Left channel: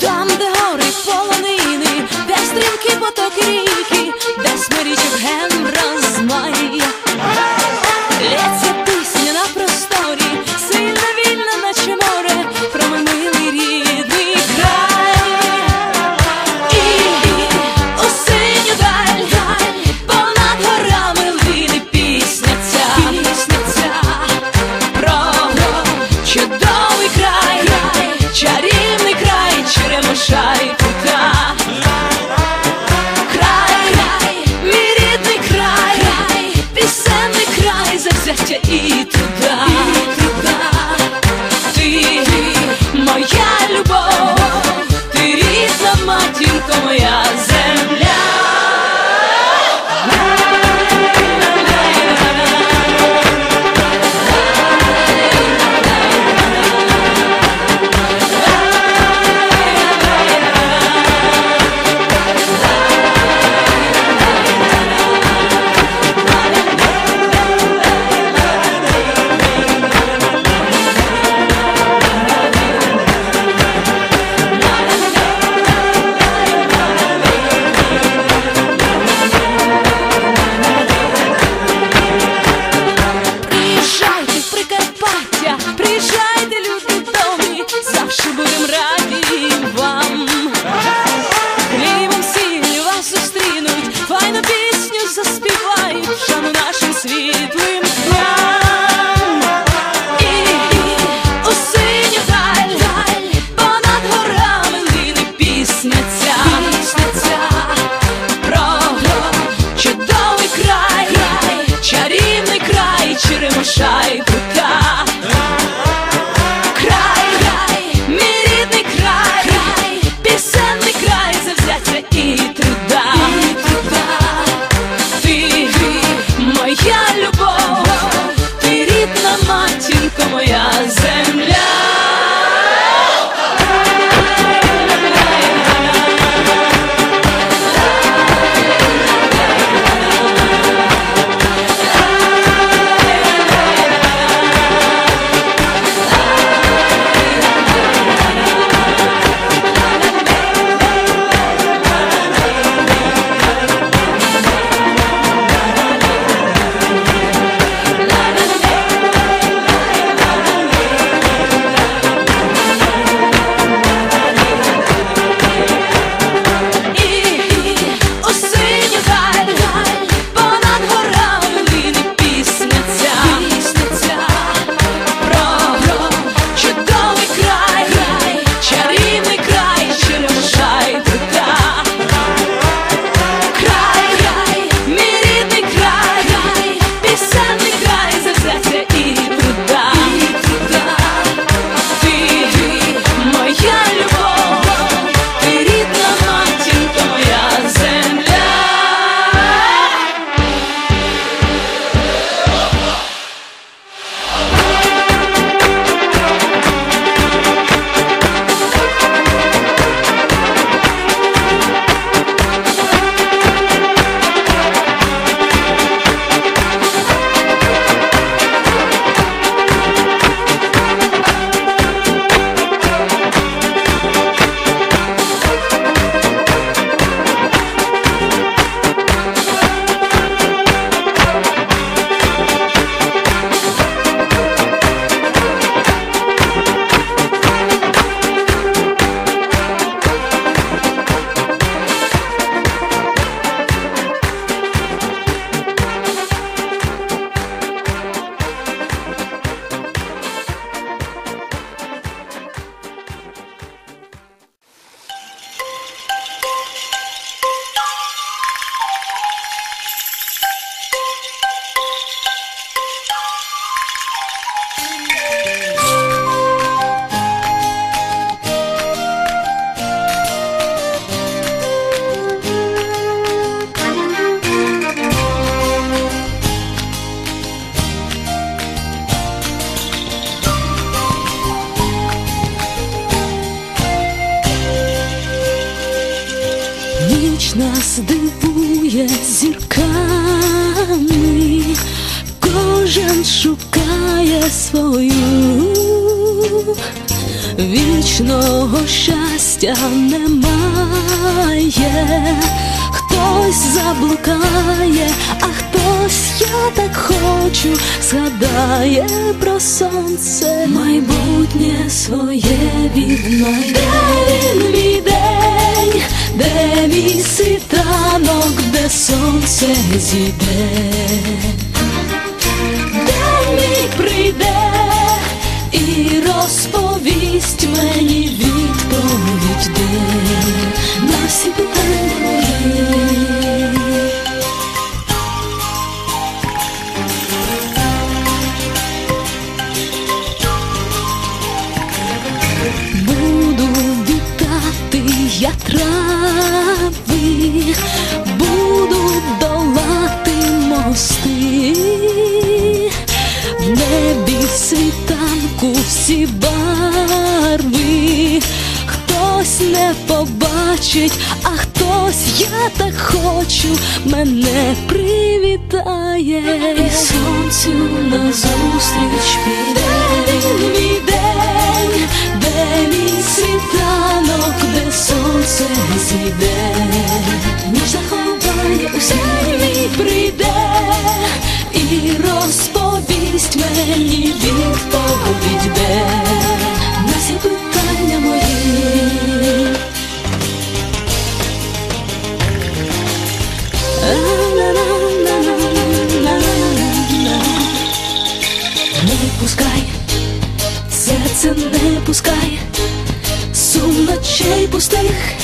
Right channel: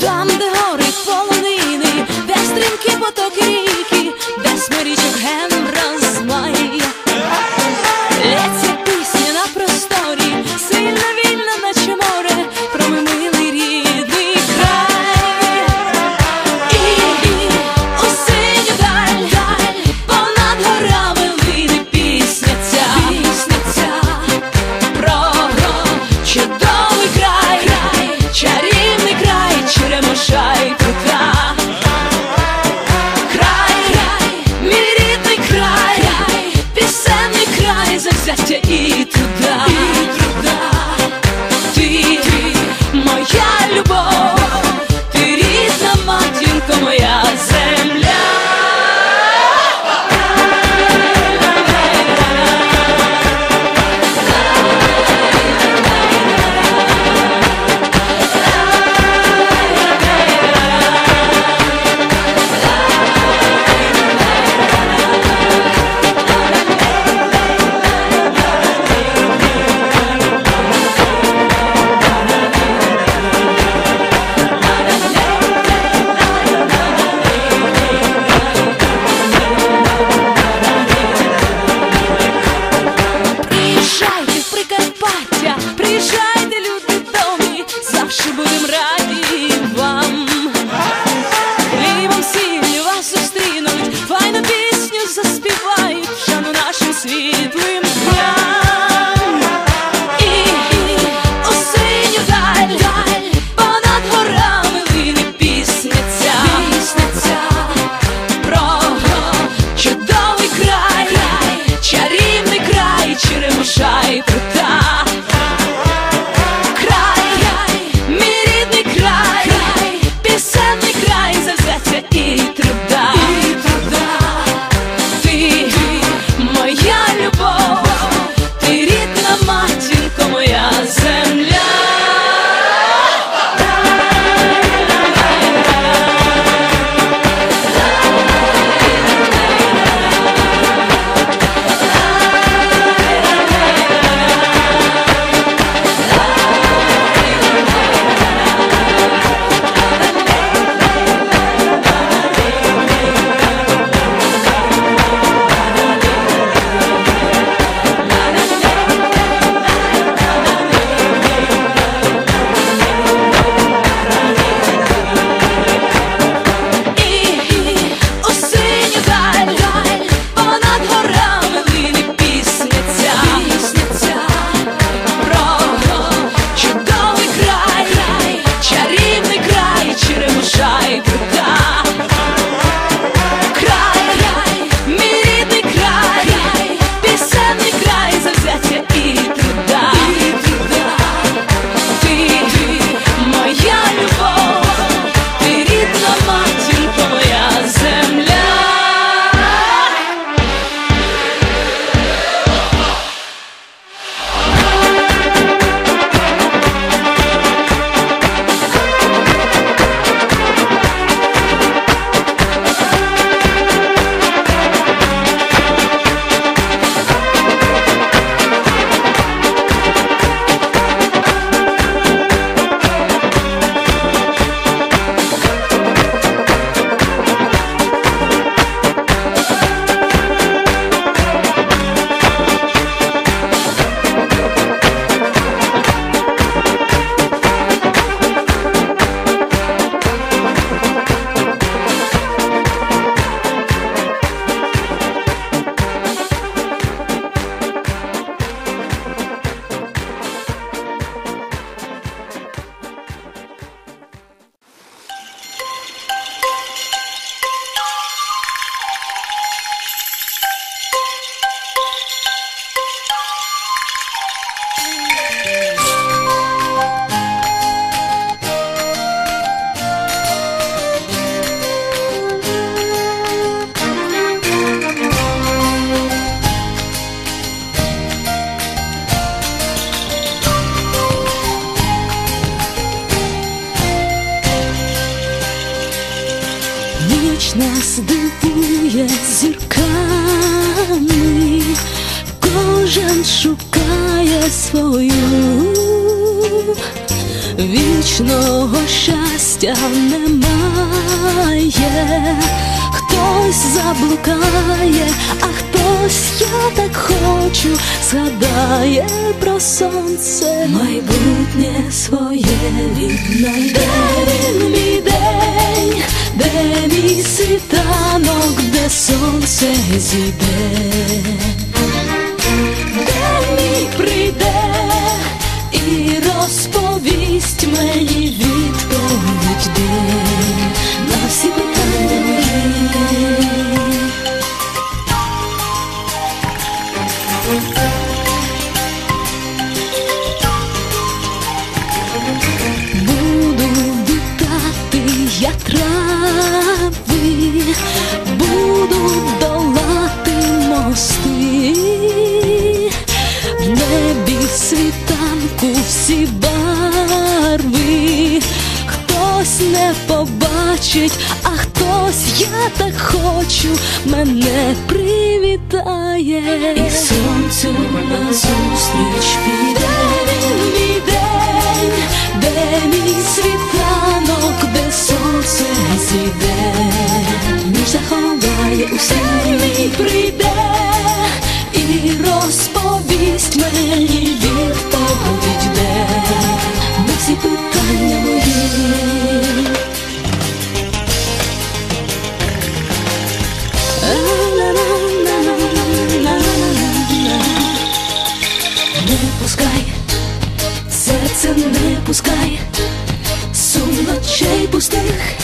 Там, де гори полонини, де стрімкі потоки ріки, де смирічок ген розмає. Лється пісенний край, завзяття і приїжджайте, люди добрі, завжди будем раді вам. Хлібом сіллю вас зустрінуть, файну пісню заспівають, шану нашим світлим дням. І у синю понад горами лине пісня ця про чудовий край, чарівний край, черемоша і прута. Ніч нас дивує зірками, кожен шукає свою, вічного щастя немає, хтось заблукає, а хтось я так хочу, згадає про сонце, майбутнє своє віднайде. Він мій день, де мій світанок, де сонце зійде. де мій прийде і розповість мені відповідь, де на всі питання я трави, буду долати мости, в небі світанку всі барви, хтось не побачить, а хтось я так хочу, мене привітає. І сонцю назустріч піде він мій він в тебе відійде на всі питання мої. Не пускай, серце не пускай, сум ночей пустих.